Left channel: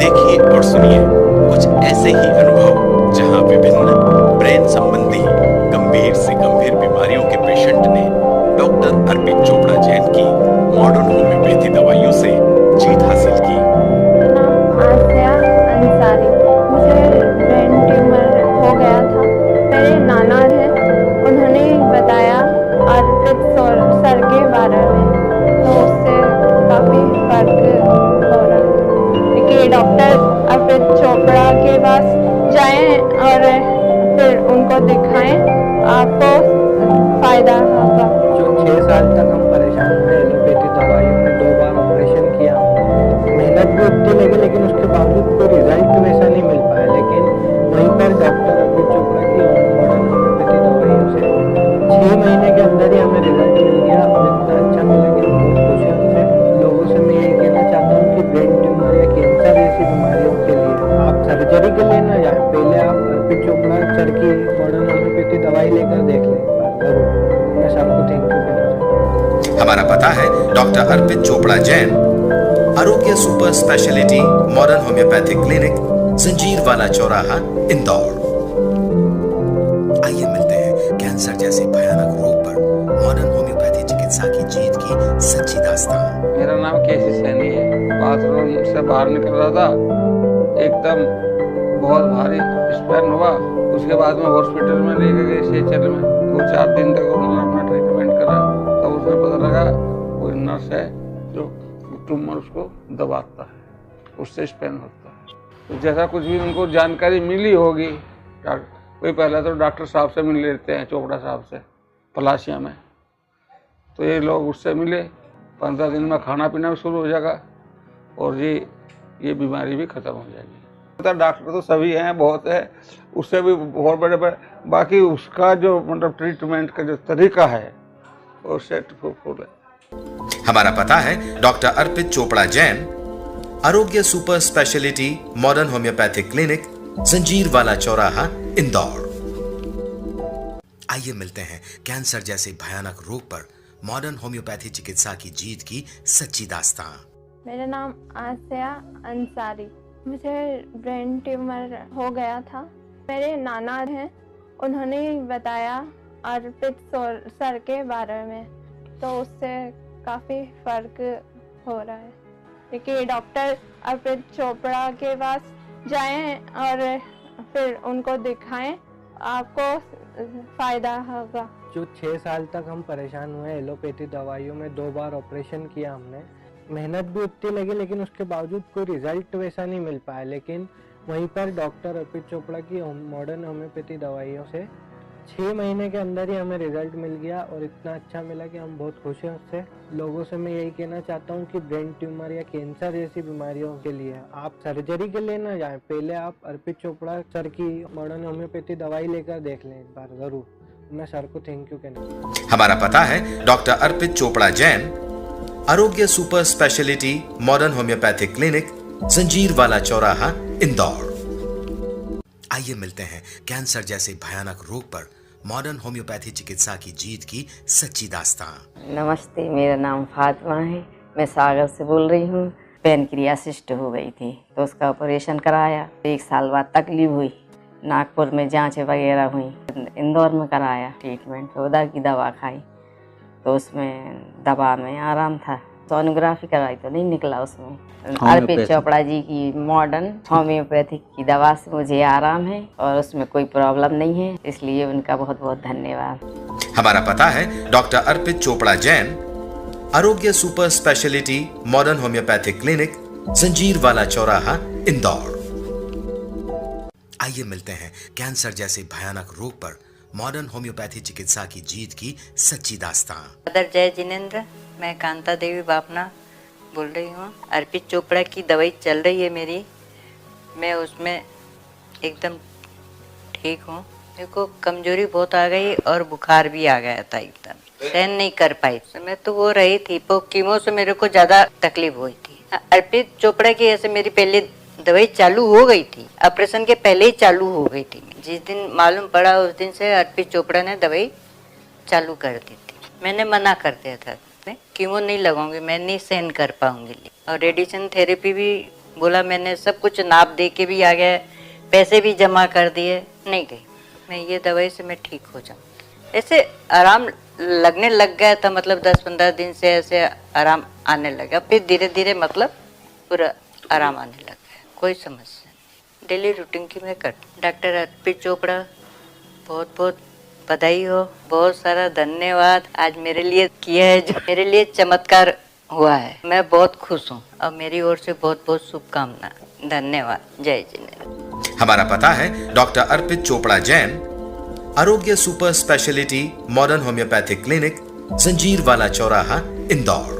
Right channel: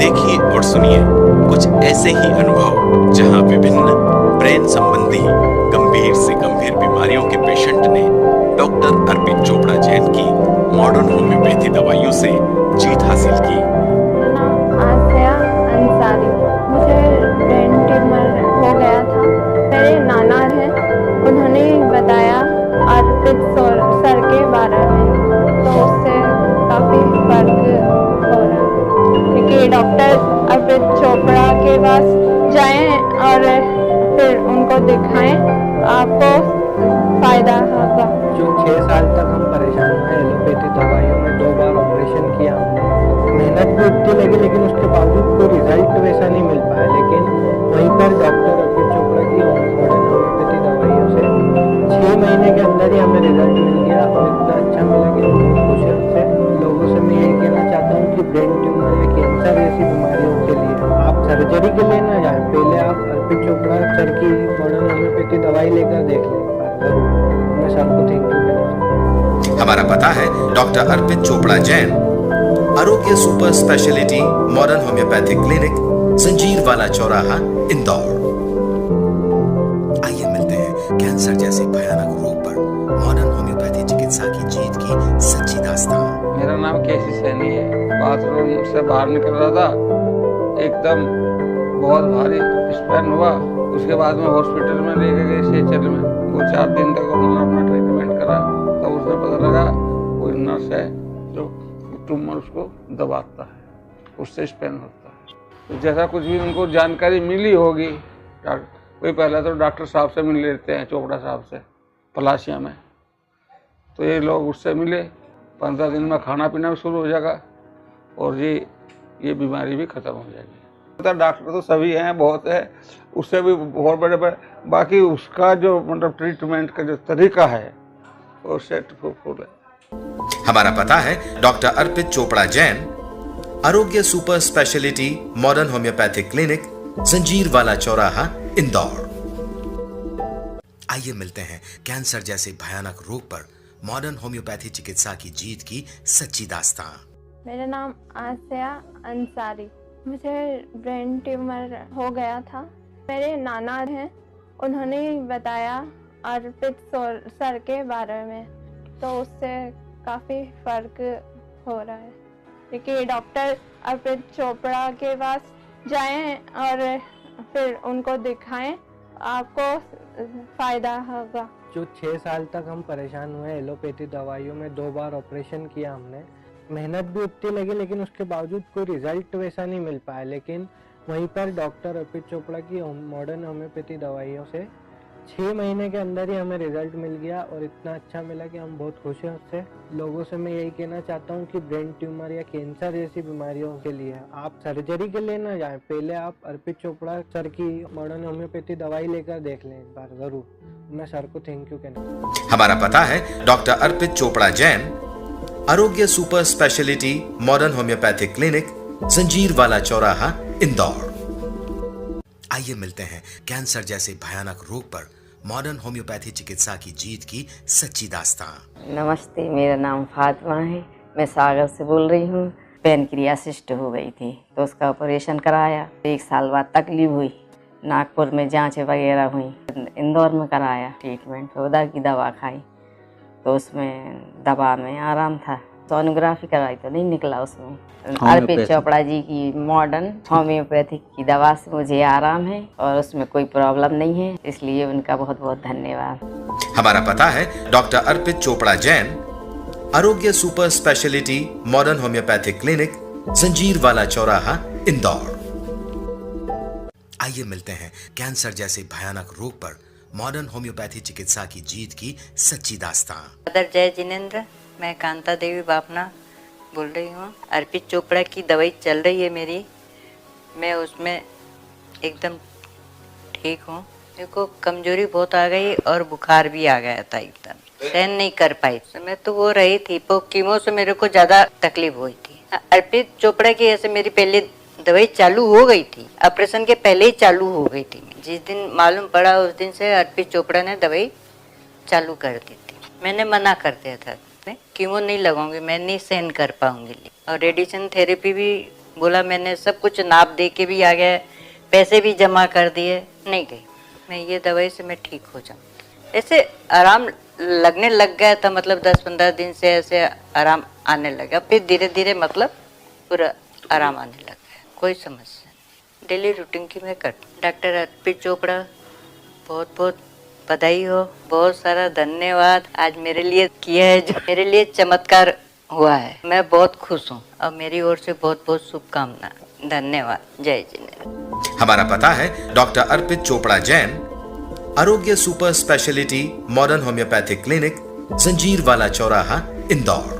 देखिए और सुनिए कुछ ऐसे ही अनुभव जहां विभिन्न ब्रेन संबंधी गंभीर से गंभीर बीमारियों के पेशेंट ने डॉक्टर अर्पित चोपड़ा जैन की मॉडर्न होम्योपैथी दवाइयों से जीत हासिल की। मेरा नाम आसिया अंसारी। मुझे ब्रेन ट्यूमर हो गया था। मेरे नाना हैं, उन्होंने बताया अर्पित सर के बारे में, तो उससे काफ़ी फर्क हो रहा है कि डॉक्टर अर्पित चोपड़ा के पास जाएं और फिर उनको दिखाएं, आपको फ़ायदा होगा। जो 6 साल तक हम परेशान हुए एलोपैथी दवाइयों में, 2 बार ऑपरेशन किया हमने, मेहनत भी उतनी लगी लेकिन उसके बावजूद कोई रिजल्ट वैसा नहीं मिल पाया। लेकिन वहीं पर डॉक्टर अर्पित चोपड़ा की मॉडर्न होम्योपैथी दवाइयों से 6 महीने के अंदर ही हमें रिजल्ट मिल गया और इतना अच्छा मिला कि हम बहुत खुश हैं उससे। लोगों से मैं यही कहना चाहता हूँ कि ब्रेन ट्यूमर या कैंसर जैसी बीमारियों के लिए आप सर्जरी के लिए ना जाएं, पहले आप अर्पित चोपड़ा सर की मॉडर्न होम्योपैथी दवाई लेकर देख लें जरूर। मैं सर को थैंक यू कहना चाहता हूँ। हमारा पता है डॉक्टर अर्पित चोपड़ा जैन, आरोग्य super speciality modern homeopathic clinic, जंजीर वाला चौराहा, इंदौर। आइए मिलते हैं कैंसर जैसे भयानक रोग पर मॉडर्न होम्योपैथी चिकित्सा की जीत की सच्ची दास्तान। मेरा नाम केसी सैनी है। बाथरूम से बाहर निकल रहा था, एकदम बहुत भारी स्पैन हुआ। उसके बाद में हॉस्पिटल में लेके गए सेचल में, 2-4 दिन तक उन्होंने अपना ट्रीटमेंट करा। तब तो उसमें पता लगा कोई नर्स है जो ट्यूमर उसको दबाता है, उससे स्पैन होता है। तो जैसा कुछ भी उनको जानकारी मिली होगी, कोई पहले तो डॉक्टर साहब से मिल लेते हैं, चोपड़ा साहब से पलाशिया में, तो ये लोग उससे मिले। 15 दिन में खाना पीना भी शुरू हो जाएगा और ये बीमारी भी खत्म हो जाएगी। डॉक्टर तो सभी हैं, बहुत है, उससे भी बहुत बड़े बड़े, बाकी उसका जो मतलब ट्रीटमेंट का जो तरीका है वो सेट फुल है। हमारा पता है डॉक्टर अर्पित चोपड़ा जैन, आरोग्य super speciality modern homeopathic clinic, जंजीर वाला चौराहा, इंदौर। आइए मिलते हैं कैंसर जैसे भयानक रोग पर मॉडर्न होम्योपैथी चिकित्सा की जीत की सच्ची दास्तान। मेरा नाम आसिया अंसारी। मुझे ब्रेन ट्यूमर हो गया था। मेरे नाना हैं, उन्होंने बताया अर्पित सर के बारे में, तो उससे काफ़ी फर्क हो रहा है कि डॉक्टर अर्पित चोपड़ा के पास जाएं और फिर उनको दिखाएं, आपको फ़ायदा होगा। जो 6 साल तक हम परेशान हुए एलोपैथी दवाइयों में, 2 बार ऑपरेशन किया हमने, मेहनत भी उतनी लगी लेकिन उसके बावजूद कोई रिजल्ट वैसा नहीं मिल पाया। लेकिन वहीं पर डॉक्टर अर्पित चोपड़ा की मॉडर्न होम्योपैथी दवाइयों से 6 महीने के अंदर ही हमें रिजल्ट मिल गया और इतना अच्छा मिला कि हम बहुत खुश हैं उससे। लोगों से मैं यही कहना चाहता हूँ कि ब्रेन ट्यूमर या कैंसर जैसी बीमारियों के लिए आप सर्जरी के लिए ना जाएं, पहले आप अर्पित चोपड़ा सर की मॉडर्न होम्योपैथी दवाई लेकर देख लें एक बार जरूर। मैं सर को थैंक यू कहना। हमारा पता है डॉक्टर अर्पित चोपड़ा जैन, आरोग्य super speciality modern homeopathic clinic, जंजीर वाला चौराहा, इंदौर। आइए मिलते हैं कैंसर जैसे भयानक रोग पर मॉडर्न होम्योपैथी चिकित्सा की जीत की सच्ची दास्तां। नमस्ते, मेरा नाम फातिमा है। मैं सागर से बोल रही हूँ। पैनक्रियासिस्ट हो गई थी तो उसका ऑपरेशन कराया। 1 साल बाद तकलीफ हुई, नागपुर में जांचें वगैरह हुई, इंदौर में कराया ट्रीटमेंट, उधर की दवा खाई तो उसमें दवा में आराम था। सोनोग्राफी कराई तो नहीं निकला उसमें। अर्पित चोपड़ा जी की मॉडर्न होम्योपैथिक की दवा से मुझे आराम है और उसमें कोई प्रॉब्लम नहीं है, इसलिए उनका बहुत बहुत धन्यवाद। हमारा पता है डॉक्टर अर्पित चोपड़ा जैन, आरोग्य super speciality modern homeopathic clinic, जंजीर वाला चौराहा, इंदौर। आइए मिलते हैं कैंसर जैसे भयानक रोग पर मॉडर्न होम्योपैथी चिकित्सा की जीत की सच्ची दास्तां। अदर जय जिनेंद्र, मैं कांता देवी बापना बोल रही हूँ। अर्पित चोपड़ा की दवाई चल रही है मेरी, मैं उसमें एकदम ठीक हूँ। मेरे को कमजोरी बहुत आ गई और बुखार भी आ गया था, एकदम सहन नहीं कर पाई। मैं तो वो रही थी, पर कीमो से मेरे को ज्यादा तकलीफ हुई थी। अर्पित चोपड़ा की ऐसे मेरी पहले दवाई चालू हो गई थी, ऑपरेशन के पहले ही चालू हो गई थी। जिस दिन मालूम पड़ा उस दिन से अर्पित चोपड़ा ने दवाई चालू कर दी थी। मैंने मना कर दिया था, कीमो नहीं लगाऊंगी, मैं नहीं सहन कर पाऊंगी। और रेडिएशन थेरेपी भी बोला, मैंने सब कुछ नाप दे के भी आ गया, पैसे भी जमा कर दिए, नहीं गई। मैं ये दवाई से मैं ठीक हो जाऊँ। ऐसे आराम लगने लग गया था, मतलब 10-15 दिन से ऐसे आराम आने लगा। फिर धीरे धीरे मतलब पूरा आराम आने लग गया, कोई समस्या नहीं। डेली रूटीन की मैं कर। डॉक्टर अर्पित चोपड़ा बहुत बहुत बधाई हो, बहुत सारा धन्यवाद। आज मेरे लिए किया है जो मेरे लिए चमत्कार हुआ है, मैं बहुत खुश हूँ और मेरी ओर से बहुत बहुत शुभकामना। धन्यवाद, जय जिनेंद्र। हमारा पता है डॉक्टर अर्पित चोपड़ा जैन, आरोग्य super speciality modern homeopathic clinic, जंजीर वाला चौराहा, इंदौर।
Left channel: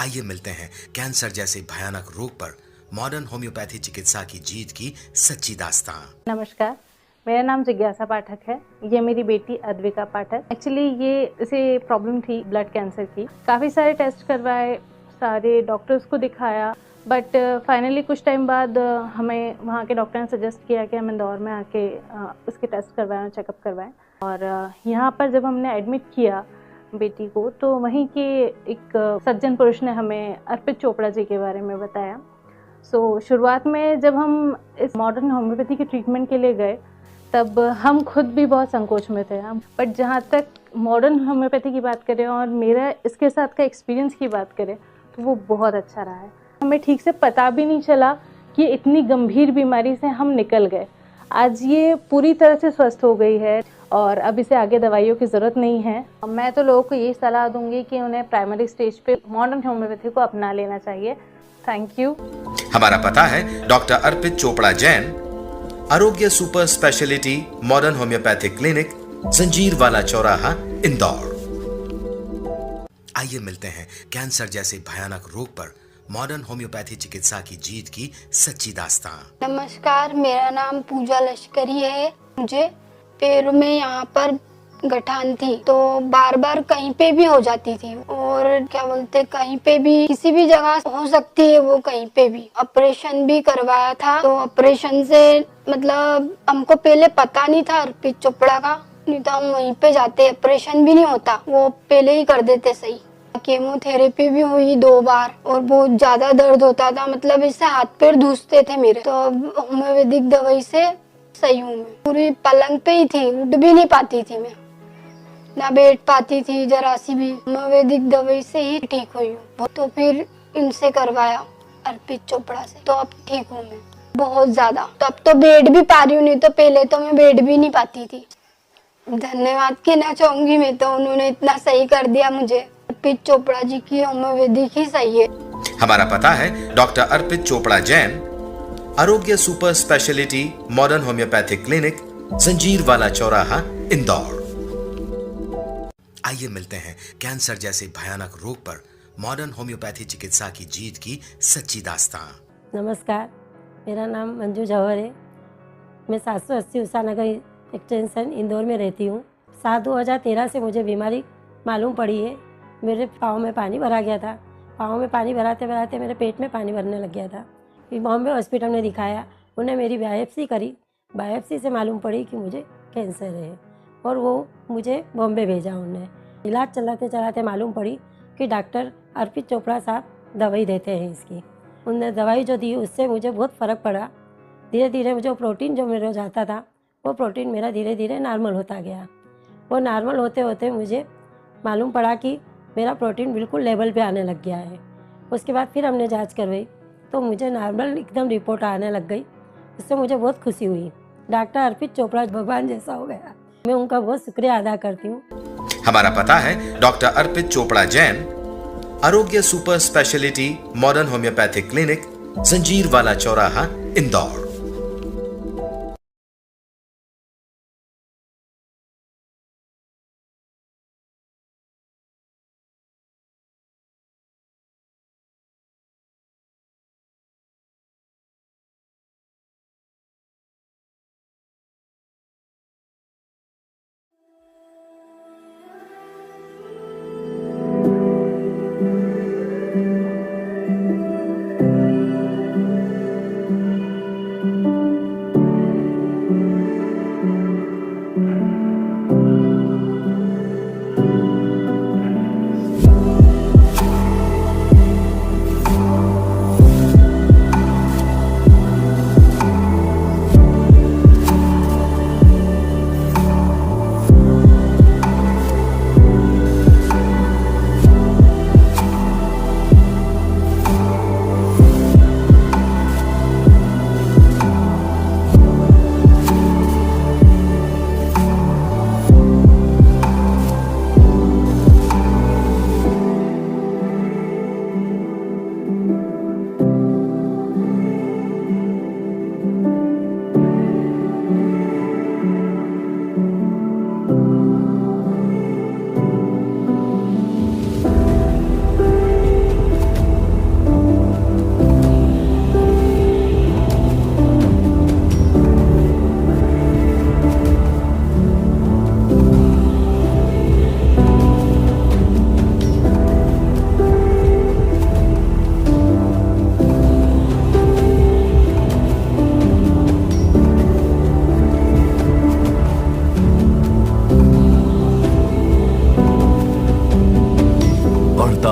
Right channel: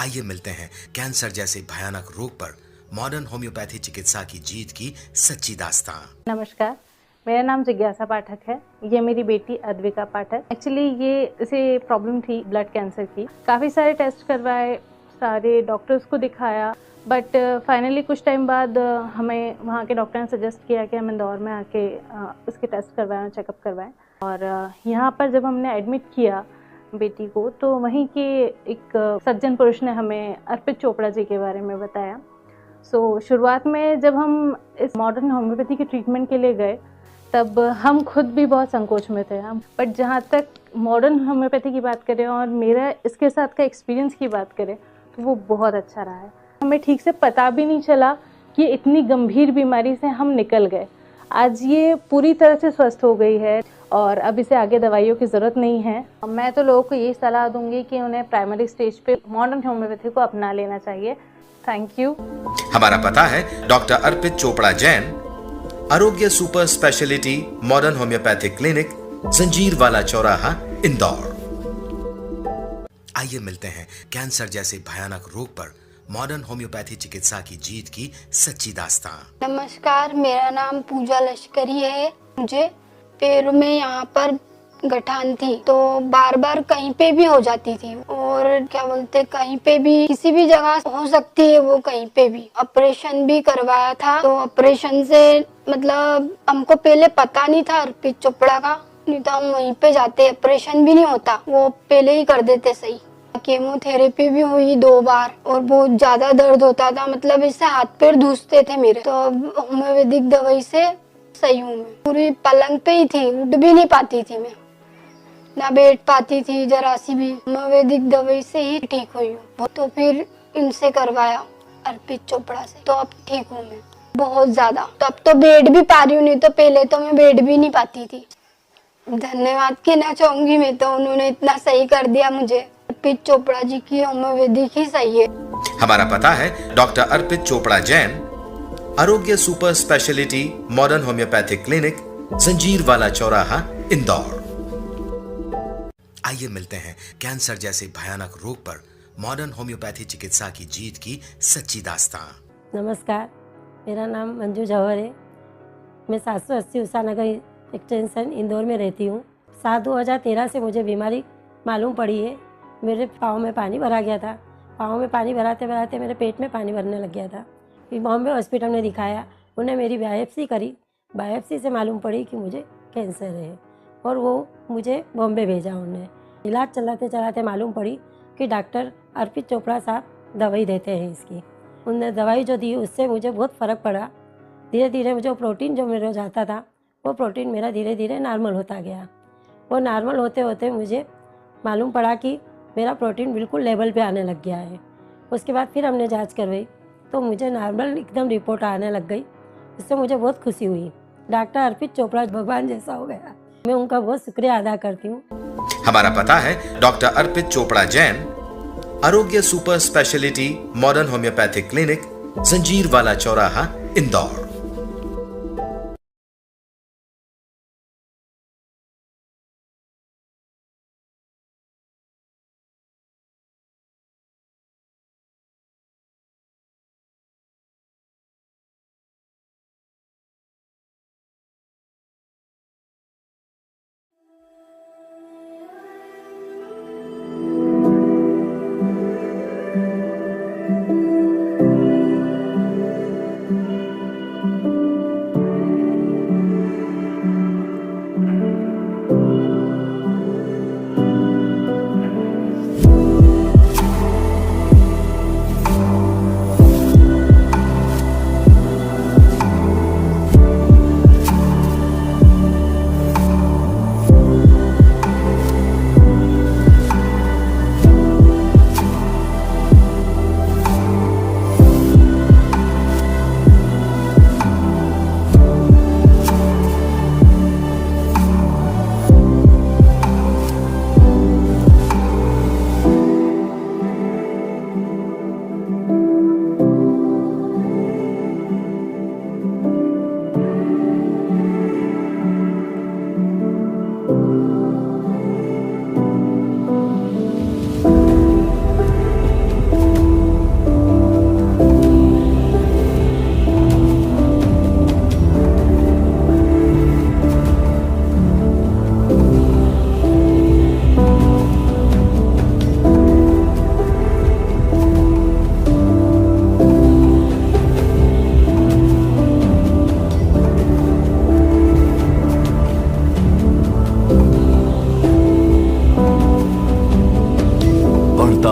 आइए मिलते हैं कैंसर जैसे भयानक रोग पर मॉडर्न होम्योपैथी चिकित्सा की जीत की सच्ची दास्तां। नमस्कार, मेरा नाम जिज्ञासा पाठक है। ये मेरी बेटी अद्विका पाठक। एक्चुअली ये इसे प्रॉब्लम थी ब्लड कैंसर की। काफ़ी सारे टेस्ट करवाए, सारे डॉक्टर्स को दिखाया, बट फाइनली कुछ टाइम बाद हमें वहाँ के डॉक्टर ने सजेस्ट किया कि हम इंदौर में आके उसके टेस्ट करवाएं, चेकअप करवाएं। और यहाँ पर जब हमने एडमिट किया बेटी को तो वहीं के एक सज्जन पुरुष ने हमें अर्पित चोपड़ा जी के बारे में बताया। शुरुआत में जब हम इस मॉडर्न होम्योपैथी के ट्रीटमेंट के लिए गए तब हम खुद भी बहुत संकोच में थे। बट जहाँ तक मॉडर्न होम्योपैथी की बात करें और मेरा इसके साथ का एक्सपीरियंस की बात करें तो वो बहुत अच्छा रहा है। हमें ठीक से पता भी नहीं चला कि इतनी गंभीर बीमारी से हम निकल गए। आज ये पूरी तरह से स्वस्थ हो गई है और अब इसे आगे दवाइयों की ज़रूरत नहीं है। मैं तो लोगों को यही सलाह दूंगी कि उन्हें प्राइमरी स्टेज पे मॉडर्न होम्योपैथी को अपना लेना चाहिए। Thank you. हमारा पता है डॉक्टर अर्पित चोपड़ा जैन, आरोग्य super speciality modern homeopathic clinic, जंजीर वाला चौराहा, इंदौर। आइए मिलते हैं कैंसर जैसे भयानक रोग पर मॉडर्न होम्योपैथी चिकित्सा की जीत की सच्ची दास्तां। नमस्कार, मेरा नाम पूजा लश्करी है। मुझे पैरों में यहाँ पर गठान थी तो बार बार कहीं पे भी हो जाती थी और क्या बोलते कहीं पे भी किसी भी जगह हो सकती है वो कहीं पे भी। ऑपरेशन भी करवाया था तो ऑपरेशन से मतलब हमको पहले पता नहीं था अर्पित चोपड़ा का, नहीं तो हम वहीं पे जाते, ऑपरेशन भी नहीं होता, वो पहले ही कर देते सही। केमोथेरेपी भी हुई 2 बार और बहुत ज्यादा दर्द होता था, मतलब इससे हाथ पैर धूसते थे मेरे। तो होम्योपैथिक दवाई से सही हूँ। मैं पूरी पलंग पे ही थी, उठ भी नहीं पाती थी मैं, ना बैठ पाती थी जरा सी भी। होम्योपैथिक दवाई से ही ठीक हुई हूँ। तो फिर इनसे करवाया अर्पित चोपड़ा से, तो अब ठीक हूँ मैं बहुत ज्यादा। तो अब तो बैठ भी पा रही हूँ, नहीं तो पहले तो मैं बैठ भी नहीं पाती थी। धन्यवाद कहना चाहूंगी मैं तो, उन्होंने इतना सही कर दिया मुझे। अर्पित चोपड़ा जी की होम्योपैथिक ही सही है। हमारा पता है डॉक्टर अर्पित चोपड़ा जैन, आरोग्य super speciality modern homeopathic clinic, जंजीर वाला चौराहा, इंदौर। आइए मिलते हैं कैंसर जैसे भयानक रोग पर मॉडर्न होम्योपैथी चिकित्सा की जीत की सच्ची दास्तां। नमस्कार, मेरा नाम मंजू जौहर है। मैं 780 उषा नगर एक्सटेंशन इंदौर में रहती हूँ। साल 2013 से मुझे बीमारी मालूम पड़ी है। मेरे पाँव में पानी भरा गया था। पाँव में पानी भराते भराते मेरे पेट में पानी भरने लग गया था। फिर बॉम्बे हॉस्पिटल में दिखाया, उन्हें मेरी बायोप्सी करी। बायोप्सी से मालूम पड़ी कि मुझे कैंसर है और वो मुझे बॉम्बे भेजा। उन्हें इलाज चलाते चलाते मालूम पड़ी कि डॉक्टर अर्पित चोपड़ा साहब दवाई देते हैं इसकी। उनने दवाई जो दी उससे मुझे बहुत फ़र्क पड़ा। धीरे धीरे जो प्रोटीन जो मेरे जाता था वो प्रोटीन मेरा धीरे धीरे नॉर्मल होता गया। वो नॉर्मल होते होते मुझे मालूम पड़ा कि मेरा प्रोटीन बिल्कुल लेवल पे आने लग गया है। उसके बाद फिर हमने जांच करवाई तो मुझे नॉर्मल एकदम रिपोर्ट आने लग गई। इससे मुझे बहुत खुशी हुई। डॉक्टर अर्पित चोपड़ा भगवान जैसा हो गया। मैं उनका बहुत शुक्रिया अदा करती हूँ। हमारा पता है डॉक्टर अर्पित चोपड़ा जैन, आरोग्य super speciality modern homeopathic clinic, जंजीर वाला चौराहा, इंदौर।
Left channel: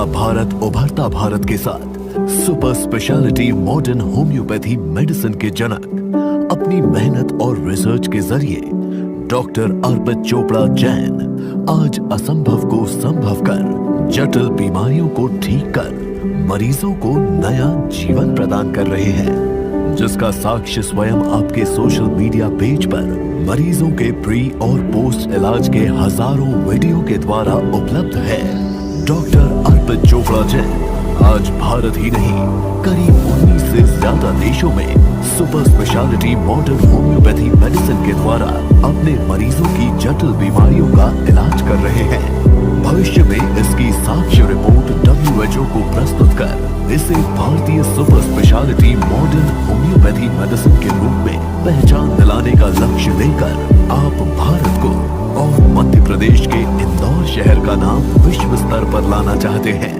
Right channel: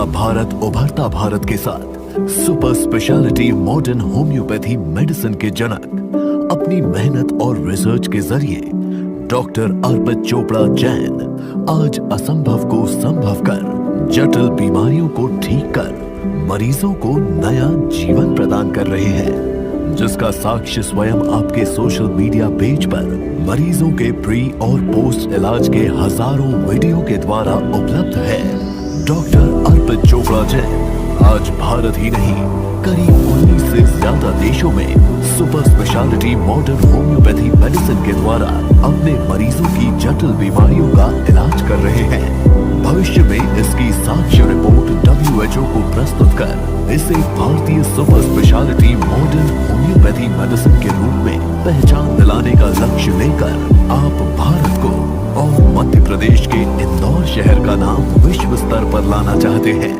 भारत उभरता भारत के साथ super speciality modern homeopathy medicine के जनक अपनी मेहनत और रिसर्च के जरिए डॉक्टर अर्पित चोपड़ा जैन आज असंभव को संभव कर जटिल बीमारियों को ठीक कर मरीजों को नया जीवन प्रदान कर रहे हैं, जिसका साक्ष्य स्वयं आपके सोशल मीडिया पेज पर मरीजों के प्री और पोस्ट इलाज के हजारों वीडियो के द्वारा उपलब्ध है। डॉक्टर अर्पित चोपड़ा जैन आज भारत ही नहीं करीब 19 से ज्यादा देशों में super speciality modern homeopathy medicine के द्वारा अपने मरीजों की जटिल बीमारियों का इलाज कर रहे हैं। भविष्य में इसकी साक्ष्य रिपोर्ट WHO को प्रस्तुत कर इसे भारतीय super speciality modern homeopathy medicine के रूप में पहचान दिलाने का लक्ष्य लेकर आप भारत को और मध्य प्रदेश के इंदौर शहर का नाम विश्व स्तर पर लाना चाहते हैं।